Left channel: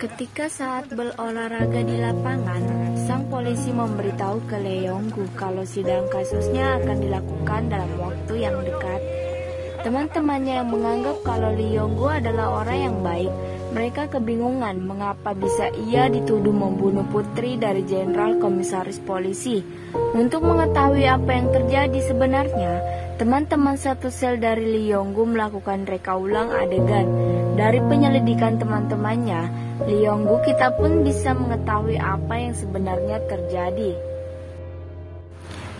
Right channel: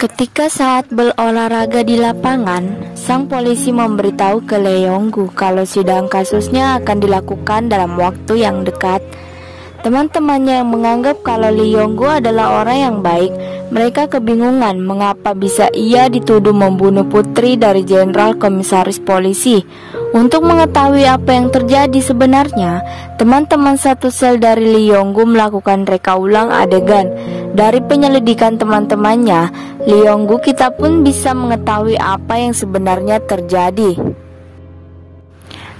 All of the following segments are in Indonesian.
Ketika saat berolahraga di lapangan, sang polisi memberitahu ke Lee Yong-gu kalau sidang kasusnya akan dilakukan dalam waktu yang dekat. Teman-temannya yang menganggap kalau Lee Yong-gu adalah orang yang baik, mereka kebingungan mengapa bisa ia dituduh membunuh putri dari Jenderal Komisaris Polisi. Untuk mengetahui apa yang terjadi sebenarnya, teman-teman satu sel dari Lee Yong-gu melakukan reka ulang adegan. Dari penyelidikan teman-temannya, Lee Yong-gu kita pun bisa mengetahui apa yang sebenarnya terjadi.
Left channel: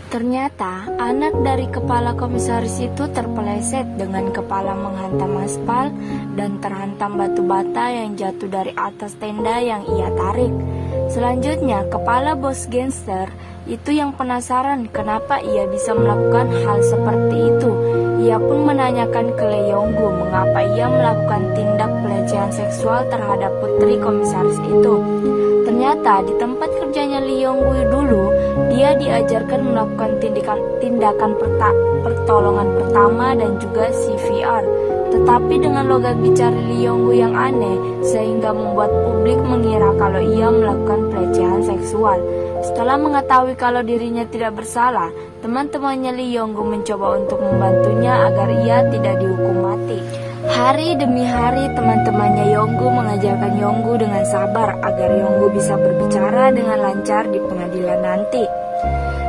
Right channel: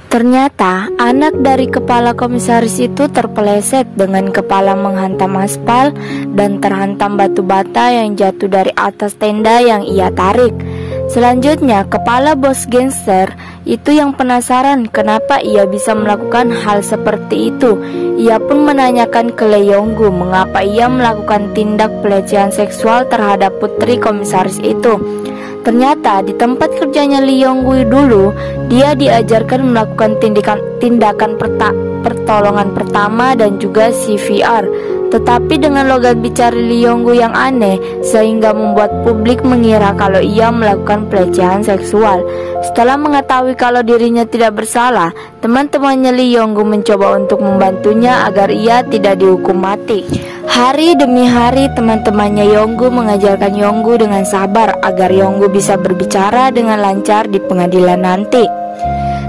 Ternyata anak dari kepala komisaris itu terpeleset dengan kepala menghantam aspal dan terhantam batu bata yang jatuh dari atas tenda yang ia tarik. Selanjutnya, kepala bos gangster itu yang penasaran kenapa ia bisa melakukan hal seperti itu. Ia pun menanyakan ke Lee Yong-gu mengapa ia melakukan tindak pelecehan seksual terhadap putri komisaris itu. Ternyata di tempat kerjanya Lee Yong-gu dulu, dia diajarkan melakukan tindakan pertolongan pertama dan juga CPR. Tetapi dengan logat bicara Lee Yong-gu yang aneh, sehingga membuat publik mengira kalau ia melakukan pelecehan seksual. Setelah mengetahui kalau dirinya tidak bersalah, teman-temannya Lee Yong-gu mencoba untuk membantunya agar ia tidak dihukum mati. Hari demi hari teman-temannya Yong-gu mengajarkan Yong-gu dengan sabar agar Yong-gu bisa berbicara dengan lancar di pengadilan nanti.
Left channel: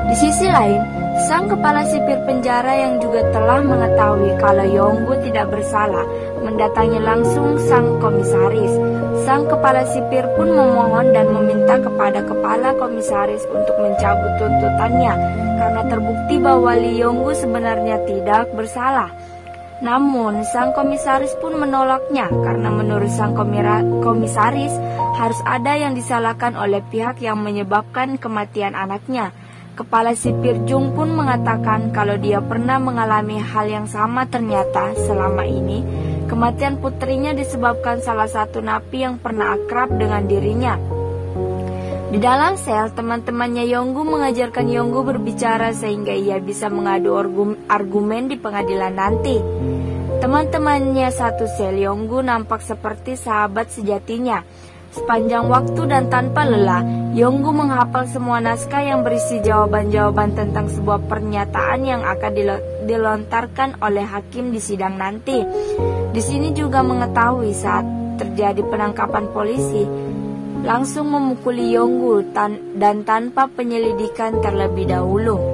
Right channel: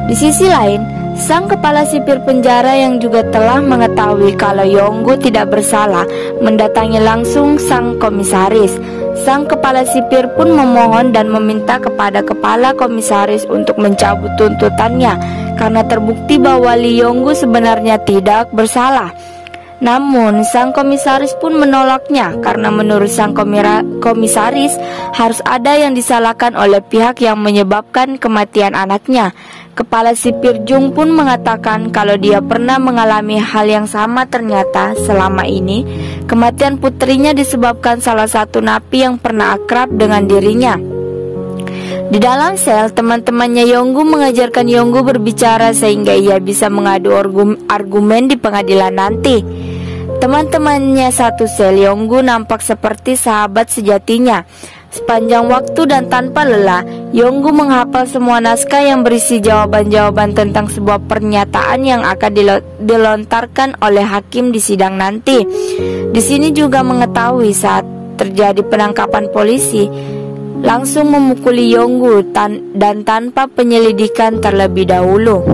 Di sisi lain, sang kepala sipir penjara yang juga telah mengetahui kalau Yong-gu tidak bersalah mendatangi langsung sang komisaris. Sang kepala sipir pun memohon dan meminta kepada kepala komisaris untuk mencabut tuntutannya karena terbukti bahwa Lee Yong-gu sebenarnya tidak bersalah. Namun sang komisaris pun menolaknya karena menurut sang komisaris harus ada yang disalahkan oleh pihak yang menyebabkan kematian anaknya. Kepala sipir Jung pun mengatakan kalau dia pernah mengalami hal yang sama. Ternyata selama ini kematian putrinya disebabkan salah satu napi yang pernah akrab dengan dirinya. Di dalam sel, teman-temannya Yong-gu mengajarkan Yong-gu berbicara sehingga ia bisa mengadu argumen di pengadilan nanti. Teman-temannya satu sel Yong-gu nampak seperti sahabat sejatinya. Sepanjang waktu dan tanpa lelah, Yong-gu menghafal semua naskah yang berisi jawaban-jawaban tentang sebuah pernyataan yang akan dilontarkan oleh hakim di sidang nanti. Di sini juga mengetahui saat terjadi penangkapan polisi, langsung memukuli Yong-gu dan tanpa penyelidikan terlebih dahulu.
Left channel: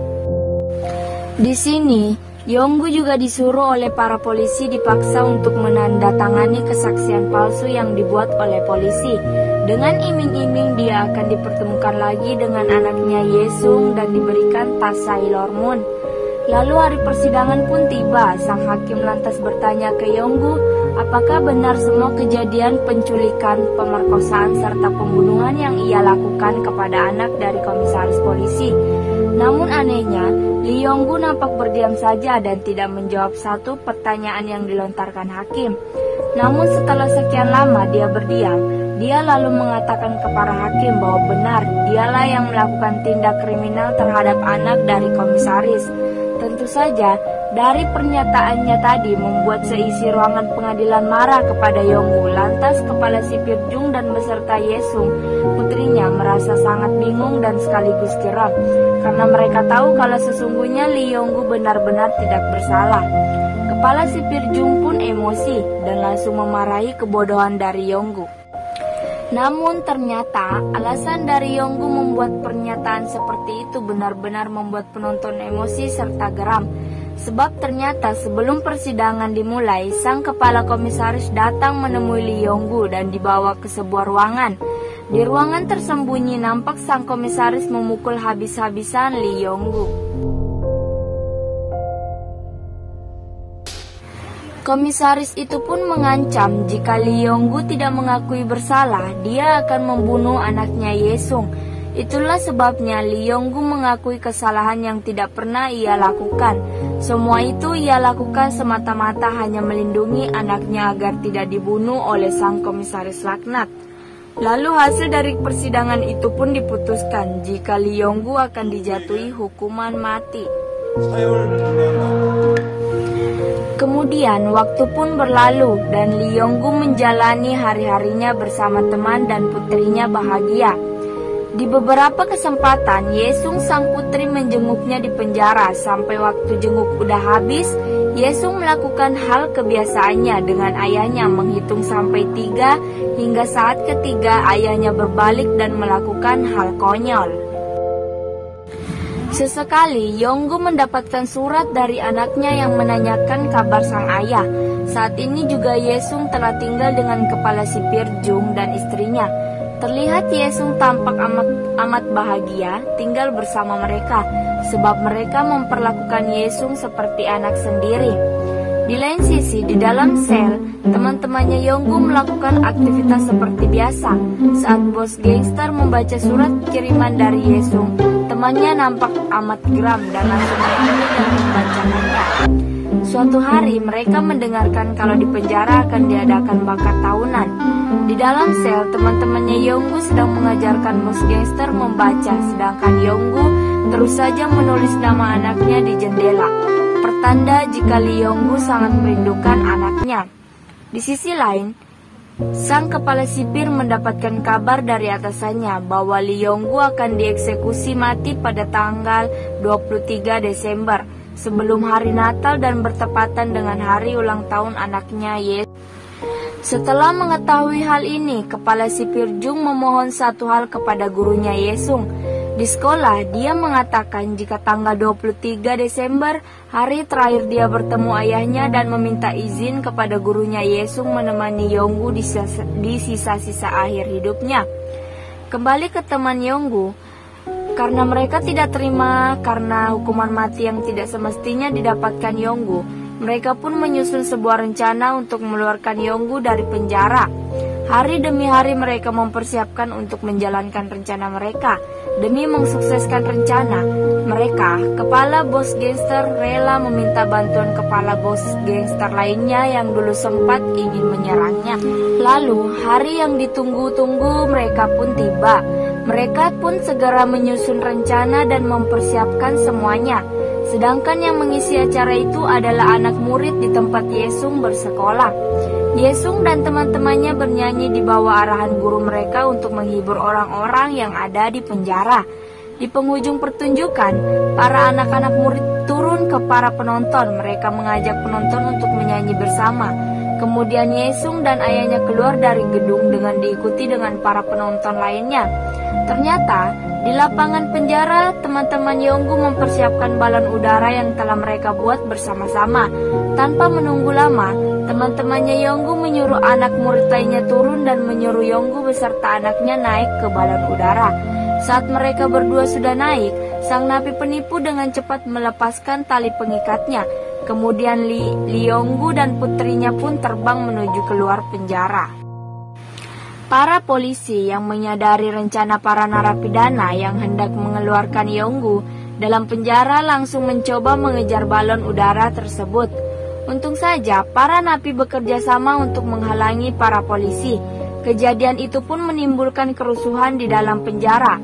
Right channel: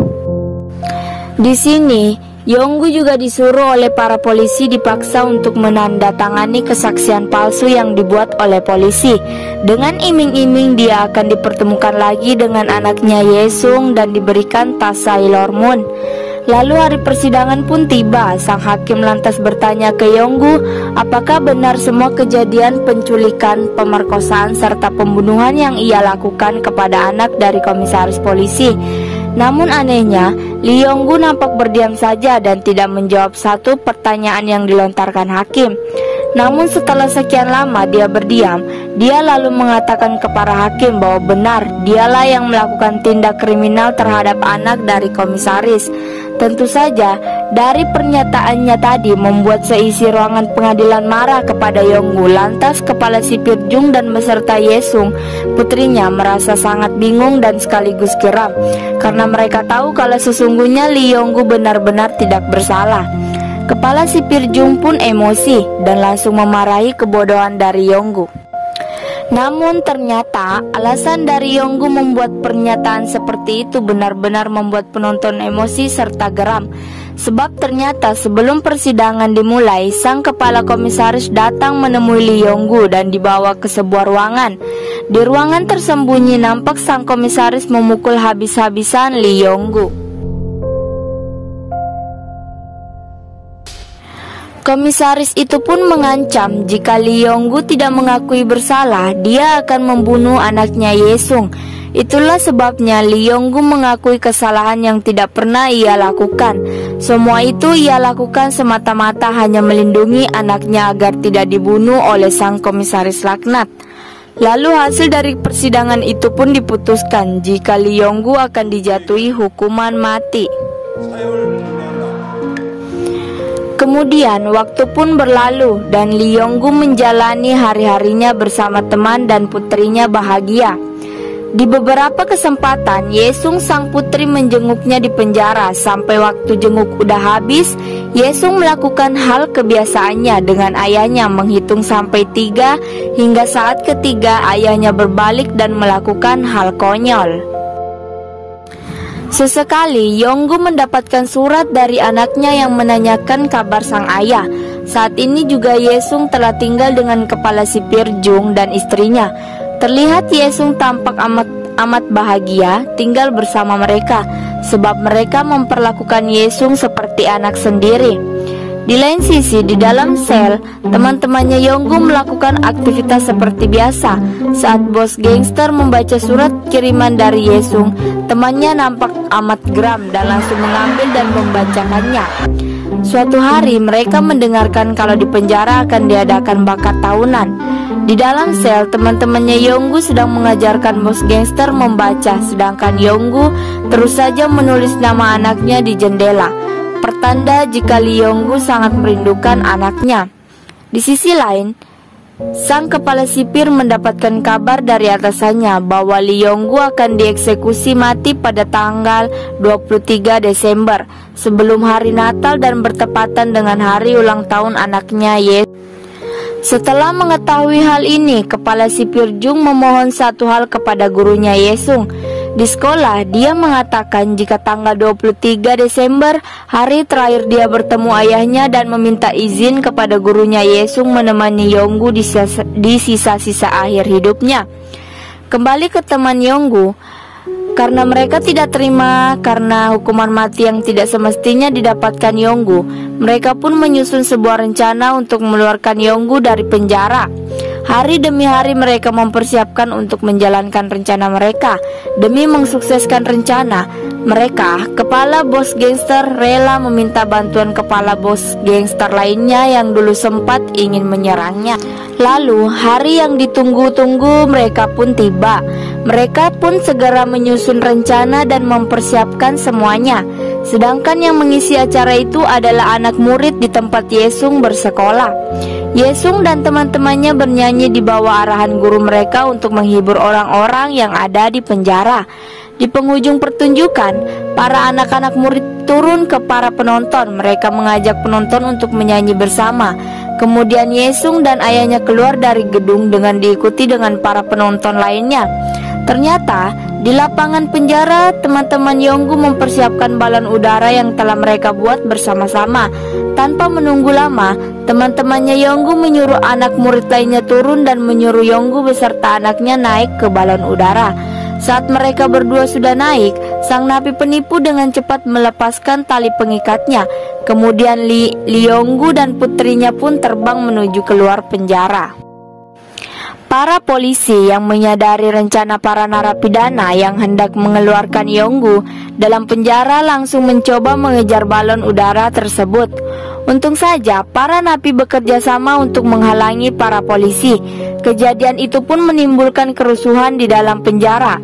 Di sini, Yong-gu juga disuruh oleh para polisi dipaksa untuk menandatangani kesaksian palsu yang dibuat oleh polisi. Dengan iming-iming dia akan dipertemukan lagi dengan anaknya Yesung dan diberikan tas Sailor Moon. Lalu hari persidangan pun tiba. Sang hakim lantas bertanya ke Yong-gu apakah benar semua kejadian penculikan, pemerkosaan, serta pembunuhan yang ia lakukan kepada anak dari komisaris polisi. Namun anehnya, Lee Yong-gu nampak berdiam saja dan tidak menjawab satu pertanyaan yang dilontarkan hakim. Namun setelah sekian lama dia berdiam, dia lalu mengatakan kepada hakim bahwa benar dialah yang melakukan tindak kriminal terhadap anak dari komisaris. Tentu saja, dari pernyataannya tadi membuat seisi ruangan pengadilan marah kepada Yong-gu. Lantas kepala sipir Jung dan beserta Yesung, putrinya, merasa sangat bingung dan sekaligus geram karena mereka tahu kalau sesungguhnya Lee Yong-gu benar-benar tidak bersalah. Kepala sipir Jung pun emosi dan langsung memarahi kebodohan dari Yong-gu. Namun ternyata alasan dari Yong-gu membuat pernyataan seperti itu benar-benar membuat penonton emosi serta geram. Sebab ternyata sebelum persidangan dimulai, sang kepala komisaris datang menemui Lee Yong-gu dan dibawa ke sebuah ruangan. Di ruangan tersembunyi nampak sang komisaris memukul habis-habisan Lee Yong-gu. Komisaris itu pun mengancam jika Lee Yong-gu tidak mengakui bersalah, dia akan membunuh anaknya Yesung. Itulah sebabnya Lee Yong-gu mengakui kesalahan yang tidak pernah ia lakukan. Semua itu ia lakukan semata-mata hanya melindungi anaknya agar tidak dibunuh oleh sang komisaris laknat. Lalu hasil dari persidangan itu pun diputuskan jika Lee Yong-gu akan dijatuhi hukuman mati. Kemudian waktu pun berlalu dan Lee Yong-gu menjalani hari-harinya bersama teman dan putrinya bahagia. Di beberapa kesempatan, Yesung sang putri menjenguknya di penjara. Sampai waktu jenguk udah habis, Yesung melakukan hal kebiasaannya dengan ayahnya, menghitung sampai 3, hingga saat ketiga ayahnya berbalik dan melakukan hal konyol. Sesekali Yong-gu mendapatkan surat dari anaknya yang menanyakan kabar sang ayah. Saat ini juga Yesung telah tinggal dengan kepala sipir Jung dan istrinya. Terlihat Yesung tampak amat bahagia tinggal bersama mereka, sebab mereka memperlakukan Yesung seperti anak sendiri. Di lain sisi, di dalam sel, teman-temannya Yong-gu melakukan aktivitas seperti biasa. Saat bos gangster membaca surat kiriman dari Yesung, temannya nampak amat geram dan langsung mengambil dan membacakannya. Suatu hari mereka mendengarkan kalau di penjara akan diadakan bakat tahunan. Di dalam sel, teman-temannya Yong-gu sedang mengajarkan bos gangster membaca, sedangkan Yong-gu terus saja menulis nama anaknya di jendela, pertanda jika Lee Yong-gu sangat merindukan anaknya. Di sisi lain, sang kepala sipir mendapatkan kabar dari atasannya bahwa Lee Yong-gu akan dieksekusi mati pada tanggal 23 Desember sebelum hari Natal dan bertepatan dengan hari ulang tahun anaknya Yesung. Setelah mengetahui hal ini, kepala sipir Jung memohon satu hal kepada gurunya Yesung. Di sekolah, dia mengatakan jika tanggal 23 Desember, hari terakhir dia bertemu ayahnya, dan meminta izin kepada gurunya Yesung menemani Yong-gu di sisa-sisa akhir hidupnya. Kembali ke teman Yong-gu, karena mereka tidak terima karena hukuman mati yang tidak semestinya didapatkan Yong-gu, mereka pun menyusun sebuah rencana untuk mengeluarkan Yong-gu dari penjara. Hari demi hari mereka mempersiapkan untuk menjalankan rencana mereka. Demi mensukseskan rencana mereka, kepala bos gangster rela meminta bantuan kepala bos gangster lainnya yang dulu sempat ingin menyerangnya. Lalu hari yang ditunggu-tunggu mereka pun tiba. Mereka pun segera menyusun rencana dan mempersiapkan semuanya. Sedangkan yang mengisi acara itu adalah anak murid di tempat Yesung bersekolah. Yesung dan teman-temannya bernyanyi di bawah arahan guru mereka untuk menghibur orang-orang yang ada di penjara. Di penghujung pertunjukan, para anak-anak murid turun ke para penonton. Mereka mengajak penonton untuk menyanyi bersama. Kemudian Yesung dan ayahnya keluar dari gedung dengan diikuti dengan para penonton lainnya. Ternyata di lapangan penjara, teman-teman Yong-gu mempersiapkan balon udara yang telah mereka buat bersama-sama. Tanpa menunggu lama, teman-temannya Yong-gu menyuruh anak murid lainnya turun dan menyuruh Yong-gu beserta anaknya naik ke balon udara. Saat mereka berdua sudah naik, sang napi penipu dengan cepat melepaskan tali pengikatnya. Kemudian Lee Yong-gu dan putrinya pun terbang menuju keluar penjara. Para polisi yang menyadari rencana para narapidana yang hendak mengeluarkan Yong-gu dalam penjara langsung mencoba mengejar balon udara tersebut. Untung saja para napi bekerja sama untuk menghalangi para polisi. Kejadian itu pun menimbulkan kerusuhan di dalam penjara.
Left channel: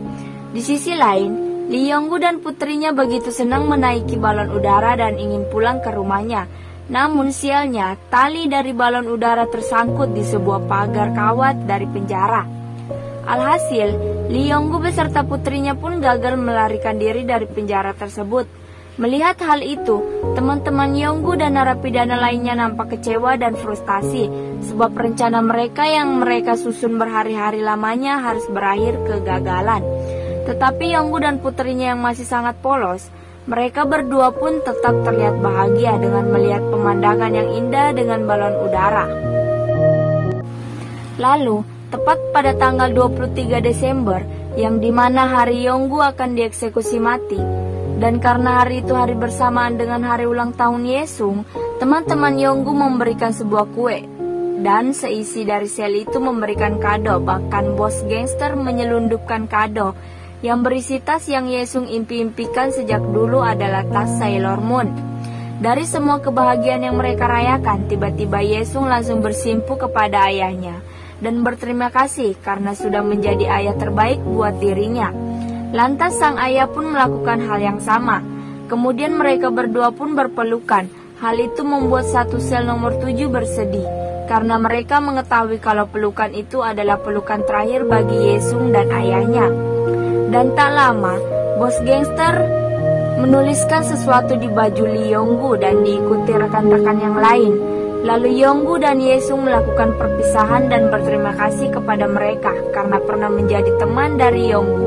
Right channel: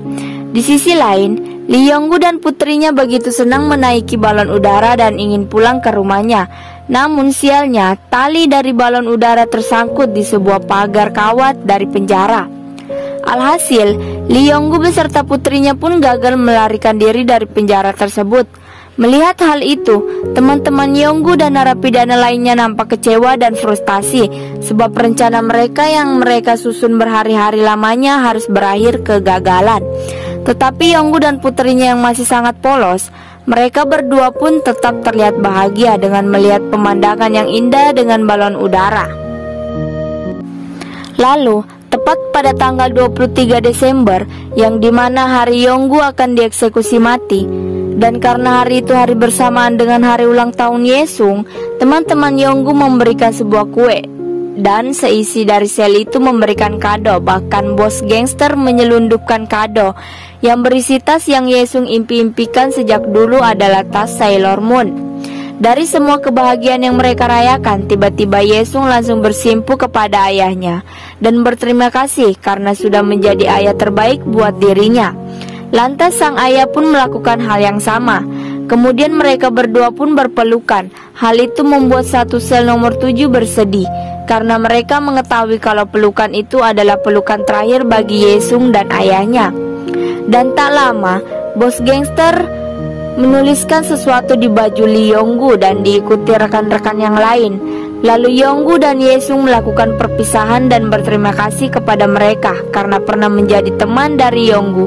Di sisi lain, Lee Yong-gu dan putrinya begitu senang menaiki balon udara dan ingin pulang ke rumahnya. Namun sialnya, tali dari balon udara tersangkut di sebuah pagar kawat dari penjara. Alhasil, Lee Yong-gu beserta putrinya pun gagal melarikan diri dari penjara tersebut. Melihat hal itu, teman-teman Yong-gu dan narapidana lainnya nampak kecewa dan frustasi, sebab rencana mereka yang mereka susun berhari-hari lamanya harus berakhir kegagalan. Tetapi Yong-gu dan putrinya yang masih sangat polos, mereka berdua pun tetap terlihat bahagia dengan melihat pemandangan yang indah dengan balon udara. Lalu, tepat pada tanggal 23 Desember, yang dimana hari Yong-gu akan dieksekusi mati, dan karena hari itu hari bersamaan dengan hari ulang tahun Yesung, teman-teman Yong-gu memberikan sebuah kue, dan seisi dari sel itu memberikan kado. Bahkan bos gangster menyelundupkan kado yang berisi tas yang Yesung impi-impikan sejak dulu adalah tas Sailor Moon. Dari semua kebahagiaan yang mereka rayakan, tiba-tiba Yesung langsung bersimpu kepada ayahnya dan berterima kasih karena sudah menjadi ayah terbaik buat dirinya. Lantas sang ayah pun melakukan hal yang sama. Kemudian mereka berdua pun berpelukan. Hal itu membuat satu sel nomor 7 bersedih, karena mereka mengetahui kalau pelukan itu adalah pelukan terakhir bagi Yesung dan ayahnya. Dan tak lama, bos gangster menuliskan sesuatu di baju Lee Yong-gu dan diikuti rekan-rekan yang lain. Lalu Yong-gu dan Yesung melakukan perpisahan dan berterima kasih kepada mereka karena pernah menjadi teman dari Yong-gu.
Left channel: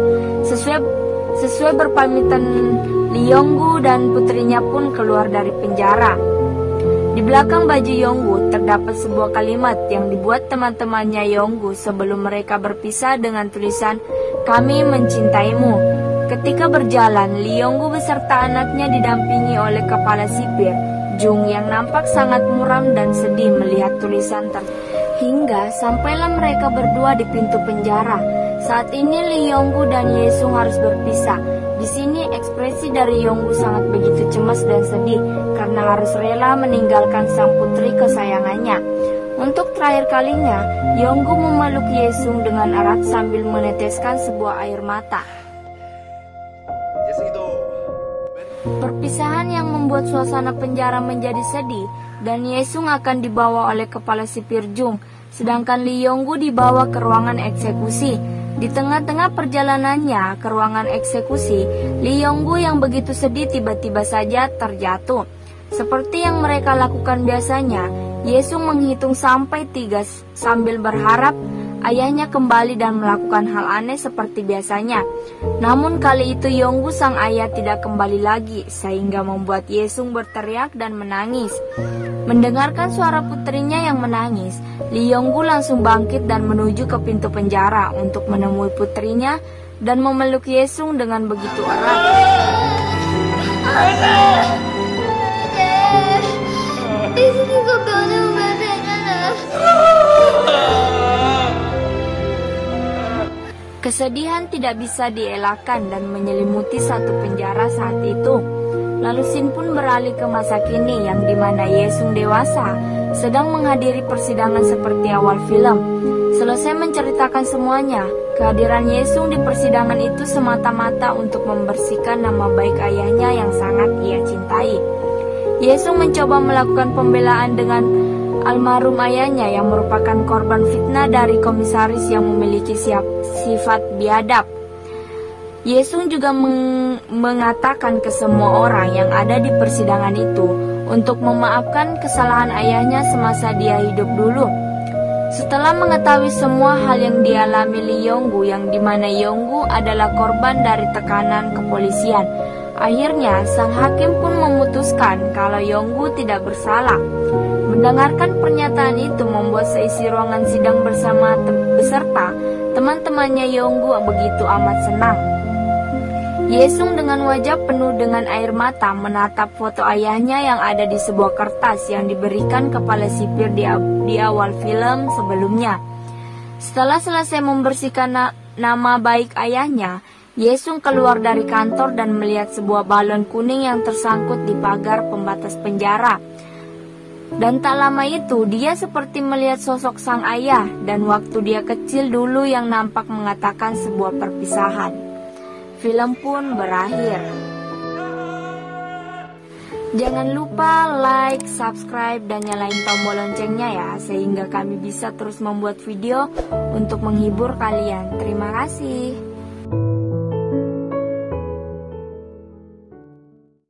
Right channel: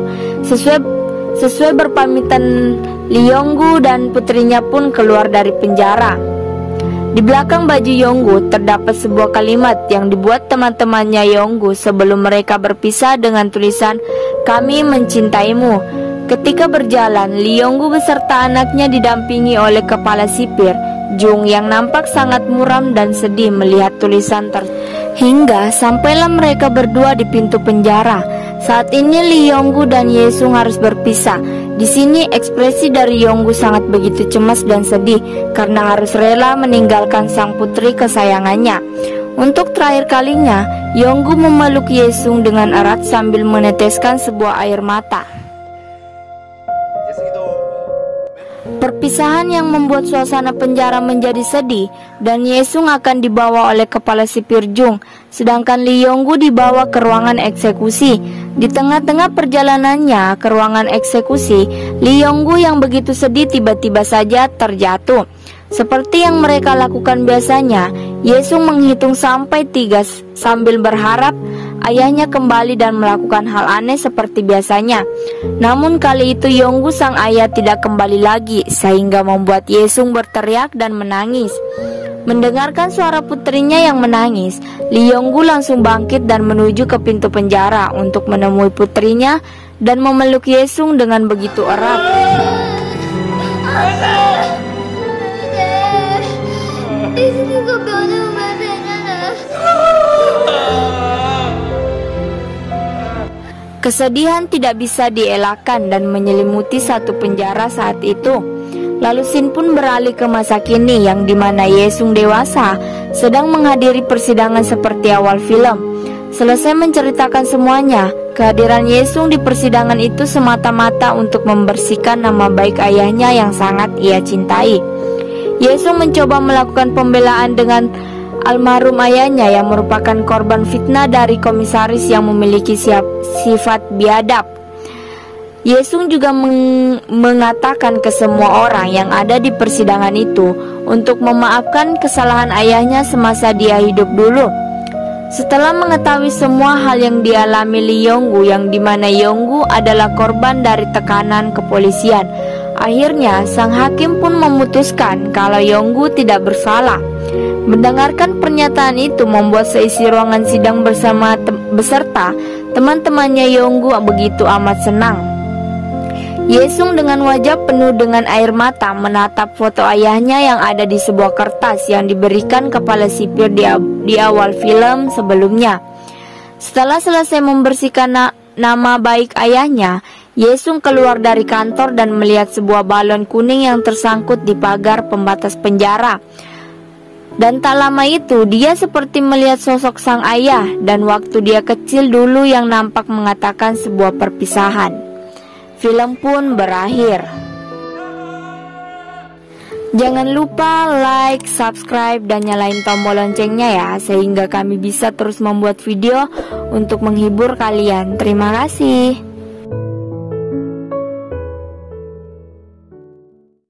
Sesuai berpamitan, Lee Yong-gu dan putrinya pun keluar dari penjara. Di belakang baju Yong-gu terdapat sebuah kalimat yang dibuat teman-temannya Yong-gu sebelum mereka berpisah dengan tulisan "Kami mencintaimu". Ketika berjalan, Lee Yong-gu beserta anaknya didampingi oleh kepala sipir Jung yang nampak sangat muram dan sedih melihat tulisan hingga sampailah mereka berdua di pintu penjara. Saat ini Lee Yong-gu dan Yesung harus berpisah. Di sini ekspresi dari Yong-gu sangat begitu cemas dan sedih karena harus rela meninggalkan sang putri kesayangannya. Untuk terakhir kalinya, Yong-gu memeluk Yesung dengan erat sambil meneteskan sebuah air mata. Perpisahan yang membuat suasana penjara menjadi sedih dan Yesung akan dibawa oleh kepala sipir Jung, sedangkan Lee Yong-gu dibawa ke ruangan eksekusi. Di tengah-tengah perjalanannya ke ruangan eksekusi, Lee Yong-gu yang begitu sedih tiba-tiba saja terjatuh. Seperti yang mereka lakukan biasanya, Yesung menghitung sampai 3 sambil berharap ayahnya kembali dan melakukan hal aneh seperti biasanya. Namun kali itu Yong-gu sang ayah tidak kembali lagi, sehingga membuat Yesung berteriak dan menangis. Mendengarkan suara putrinya yang menangis, Lee Yong-gu langsung bangkit dan menuju ke pintu penjara untuk menemui putrinya dan memeluk Yesung dengan begitu erat. Kesedihan tidak bisa dielakkan dan menyelimuti satu penjara saat itu. Lalu Shin pun beralih ke masa kini yang dimana Yesung dewasa sedang menghadiri persidangan seperti awal film. Selesai menceritakan semuanya, kehadiran Yesung di persidangan itu semata-mata untuk membersihkan nama baik ayahnya yang sangat ia cintai. Yesung mencoba melakukan pembelaan dengan almarhum ayahnya yang merupakan korban fitnah dari komisaris yang memiliki sifat biadab. Yesung juga mengatakan ke semua orang yang ada di persidangan itu untuk memaafkan kesalahan ayahnya semasa dia hidup dulu. Setelah mengetahui semua hal yang dialami Lee Yong-gu yang dimana Yong-gu adalah korban dari tekanan kepolisian, akhirnya sang hakim pun memutuskan kalau Yong-gu tidak bersalah. Mendengarkan pernyataan itu membuat seisi ruangan sidang beserta teman-temannya Yong-gu begitu amat senang. Yesung dengan wajah penuh dengan air mata menatap foto ayahnya yang ada di sebuah kertas yang diberikan kepala sipir di awal film sebelumnya. Setelah selesai membersihkan nama baik ayahnya, Yesung keluar dari kantor dan melihat sebuah balon kuning yang tersangkut di pagar pembatas penjara. Dan tak lama itu dia seperti melihat sosok sang ayah dan waktu dia kecil dulu yang nampak mengatakan sebuah perpisahan. Film pun berakhir. Jangan lupa like, subscribe, dan nyalain tombol loncengnya ya, sehingga kami bisa terus membuat video untuk menghibur kalian. Terima kasih.